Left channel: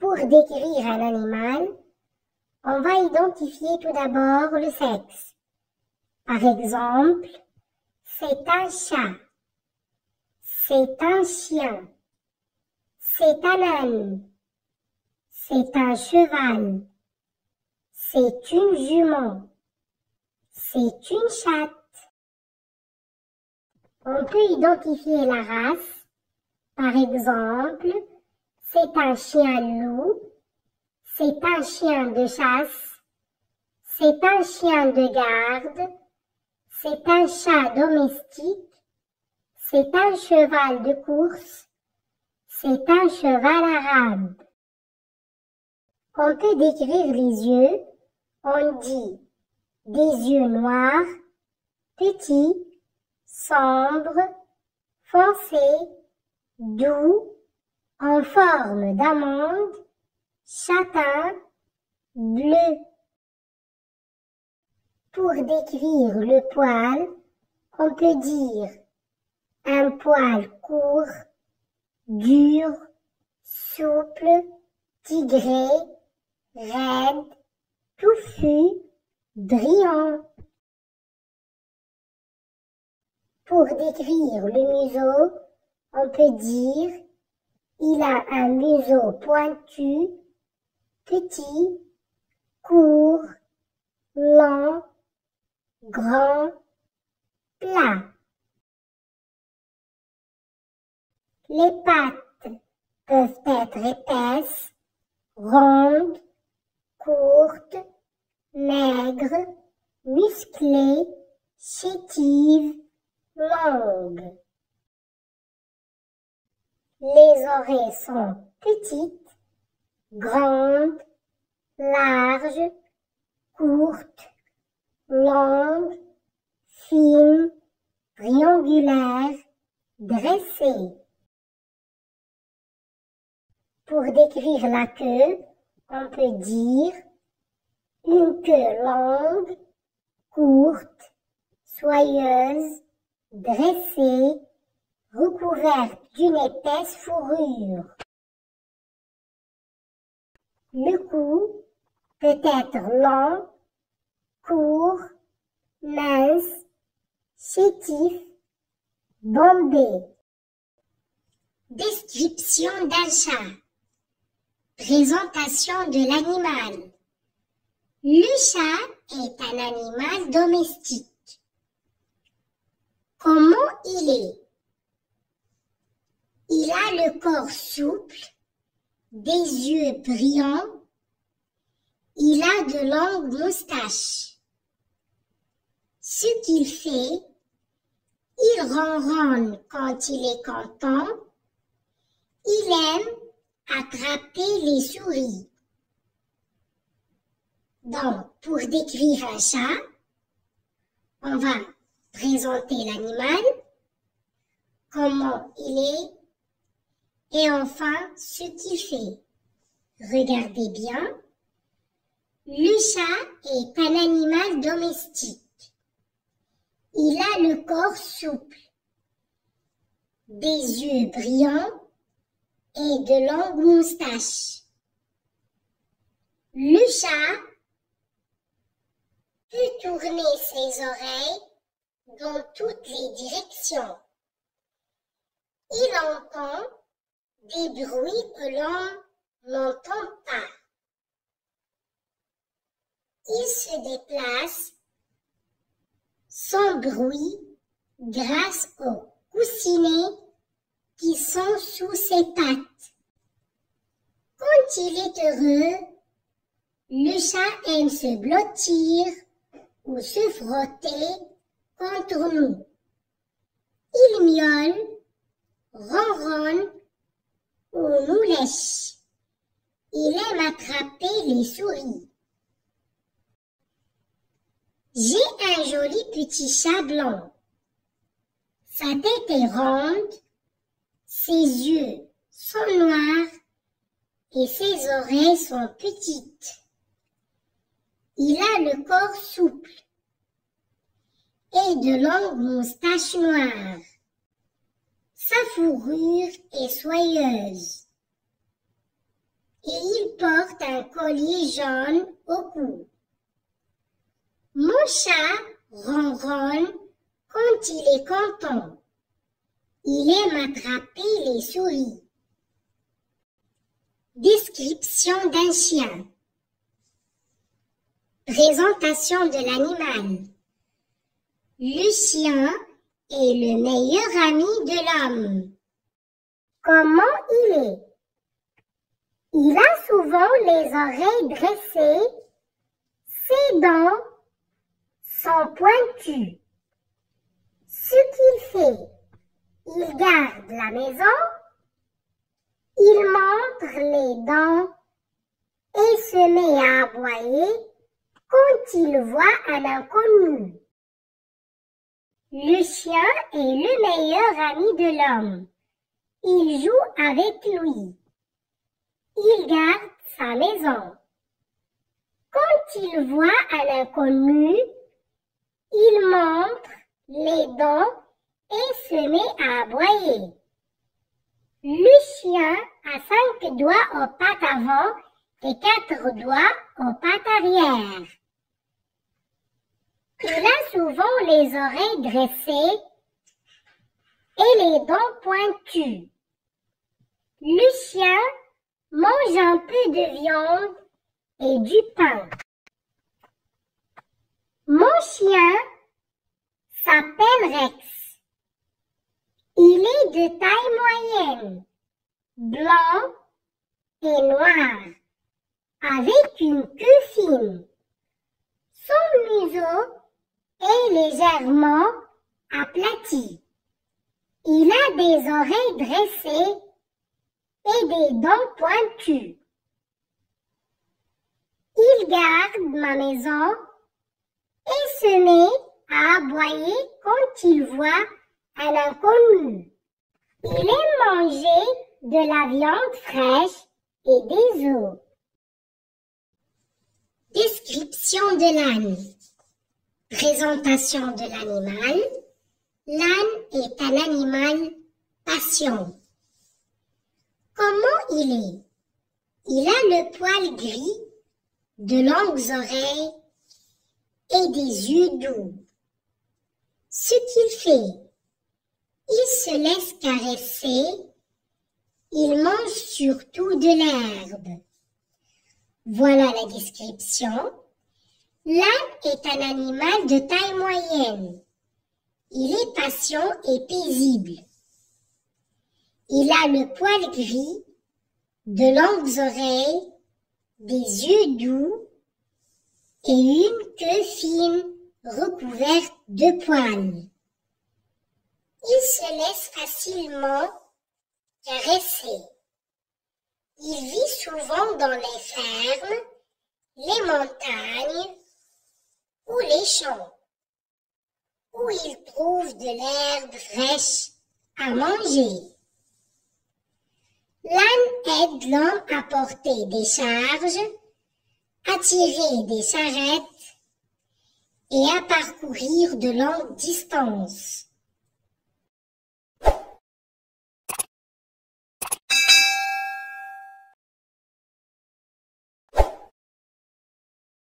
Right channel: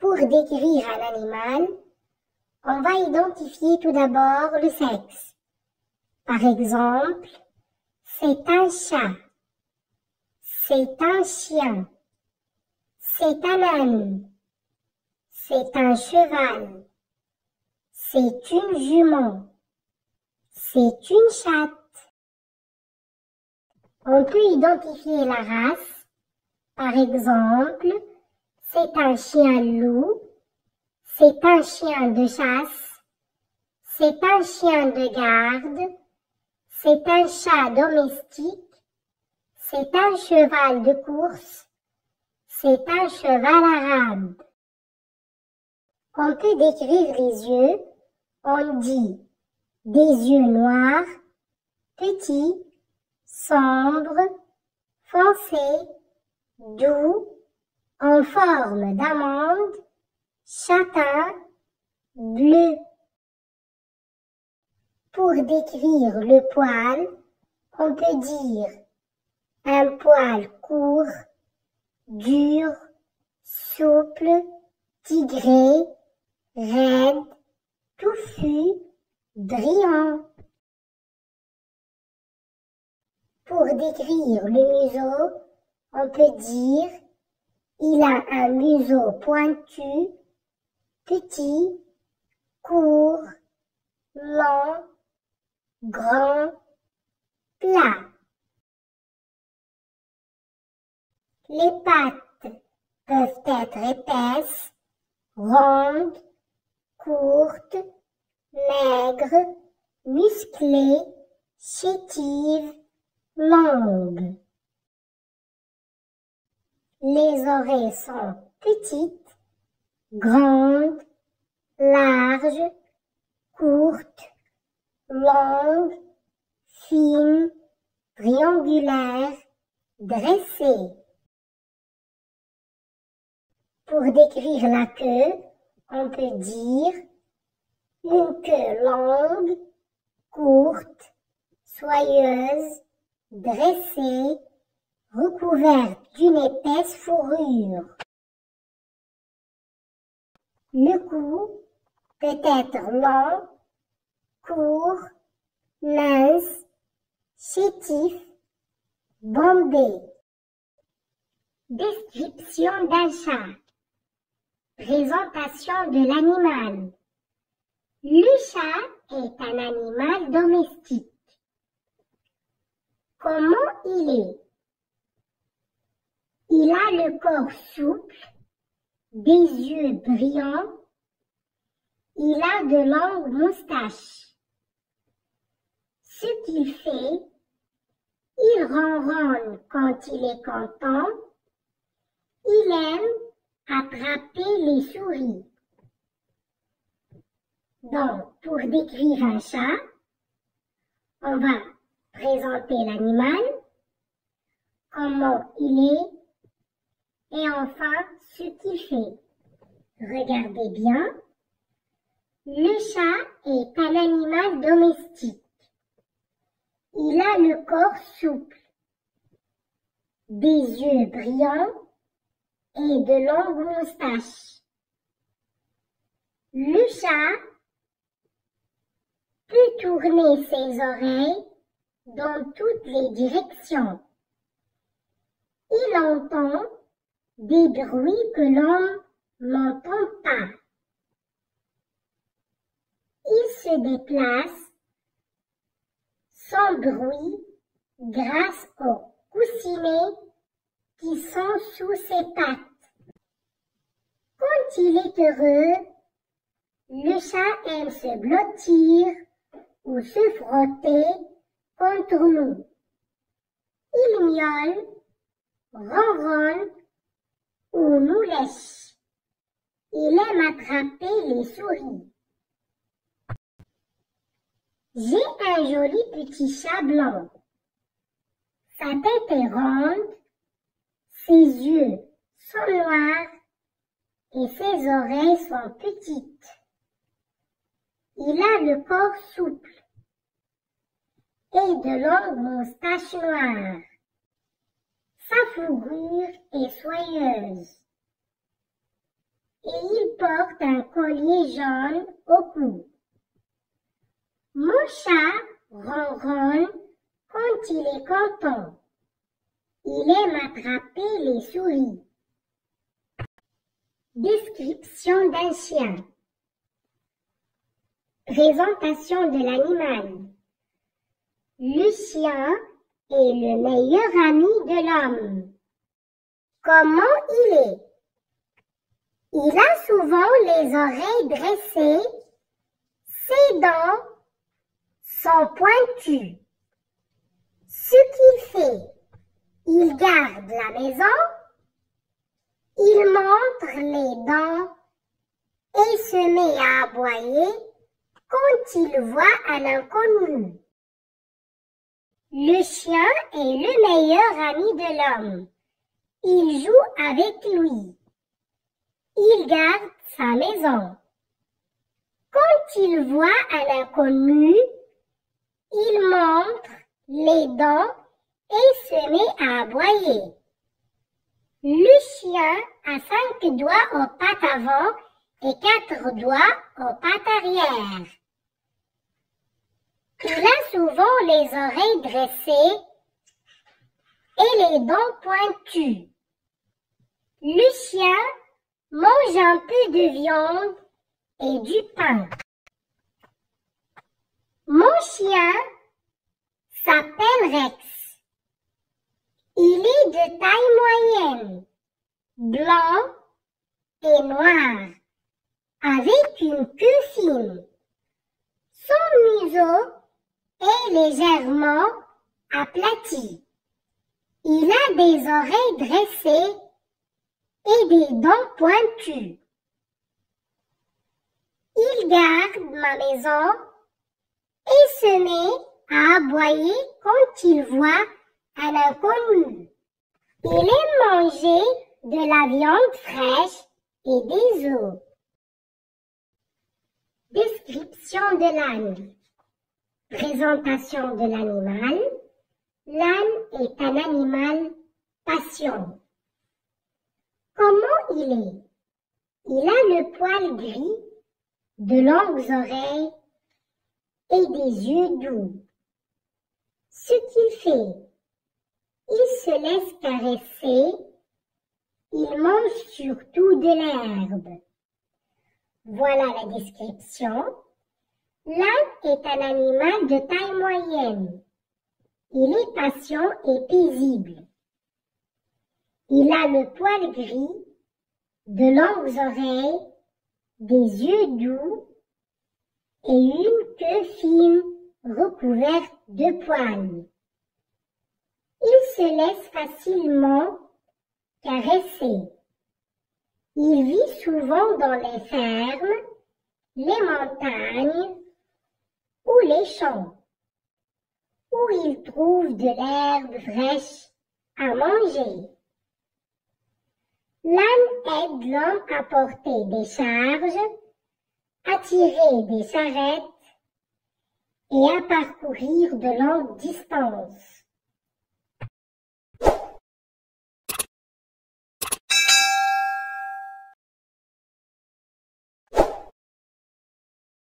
Pour décrire un animal, on va identifier tout d'abord le sexe. Par exemple, c'est un chat, c'est un chien, c'est un âne, c'est un cheval, c'est une jument, c'est une chatte. On peut identifier la race. Par exemple, c'est un chien loup, c'est un chien de chasse, c'est un chien de garde, c'est un chat domestique, c'est un cheval de course, c'est un cheval arabe. On peut décrire les yeux, on dit des yeux noirs, petits, sombres, foncés, doux, en forme d'amande, châtain, bleu. Pour décrire le poil, on peut dire un poil court, dur, souple, tigré, raide, touffu, brillant. Pour décrire le museau, on peut dire il a un museau pointu, petit, court, long, grand, plat. Les pattes peuvent être épaisses, rondes, courtes, maigres, musclées, chétives, longues. Les oreilles sont petites, grandes, larges, courtes, longues, fines, triangulaires, dressées. Pour décrire la queue, on peut dire une queue longue, courte, soyeuse, dressée, recouverte d'une épaisse fourrure. Le cou peut être long, court, mince, chétif, bombé. Description d'un chat. Présentation de l'animal. Le chat est un animal domestique. Comment il est? Il a le corps souple, des yeux brillants, il a de longues moustaches. Ce qu'il fait, il ronronne quand il est content, il aime attraper les souris. Donc, pour décrire un chat, on va présenter l'animal, comment il est, et enfin, ce qu'il fait. Regardez bien. Le chat est un animal domestique. Il a le corps souple, des yeux brillants et de longues moustaches. Le chat peut tourner ses oreilles dans toutes les directions. Il entend des bruits que l'on n'entend pas. Il se déplace sans bruit grâce aux coussinets qui sont sous ses pattes. Quand il est heureux, le chat aime se blottir ou se frotter contre nous. Il miaule, ronronne ou nous lèche. Il aime attraper les souris. J'ai un joli petit chat blanc. Sa tête est ronde, ses yeux sont noirs et ses oreilles sont petites. Il a le corps souple et de longues moustaches noires. Sa fourrure est soyeuse. et il porte un collier jaune au cou. Mon chat ronronne quand il est content. Il aime attraper les souris. Description d'un chien. Présentation de l'animal. Le chien est le meilleur ami de l'homme. Comment il est? Il a souvent les oreilles dressées, ses dents sont pointues. Ce qu'il fait, il garde la maison, il montre les dents et se met à aboyer quand il voit un inconnu. Le chien est le meilleur ami de l'homme. Il joue avec lui. Il garde sa maison. Quand il voit un inconnu, il montre les dents et se met à aboyer. Le chien a 5 doigts aux pattes avant et 4 doigts aux pattes arrière. Il a souvent les oreilles dressées et les dents pointues. Le chien mange un peu de viande et du pain. Mon chien s'appelle Rex. Il est de taille moyenne, blanc et noir, avec une queue fine. Son museau est légèrement aplati. Il a des oreilles dressées et des dents pointues. Il garde ma maison et se met à aboyer quand il voit un inconnu. Il aime manger de la viande fraîche et des œufs. Description de l'âne. Présentation de l'animal. L'âne est un animal patient. Comment il est? Il a le poil gris, de longues oreilles et des yeux doux. Ce qu'il fait, il se laisse caresser, il mange surtout de l'herbe. Voilà la description. L'âne est un animal de taille moyenne. Il est patient et paisible. Il a le poil gris, de longues oreilles, des yeux doux et une queue fine recouverte de poils. Il se laisse facilement caresser. Il vit souvent dans les fermes, les montagnes ou les champs, où il trouve de l'herbe fraîche à manger. L'âne aide l'homme à porter des charges, à tirer des charrettes et à parcourir de longues distances.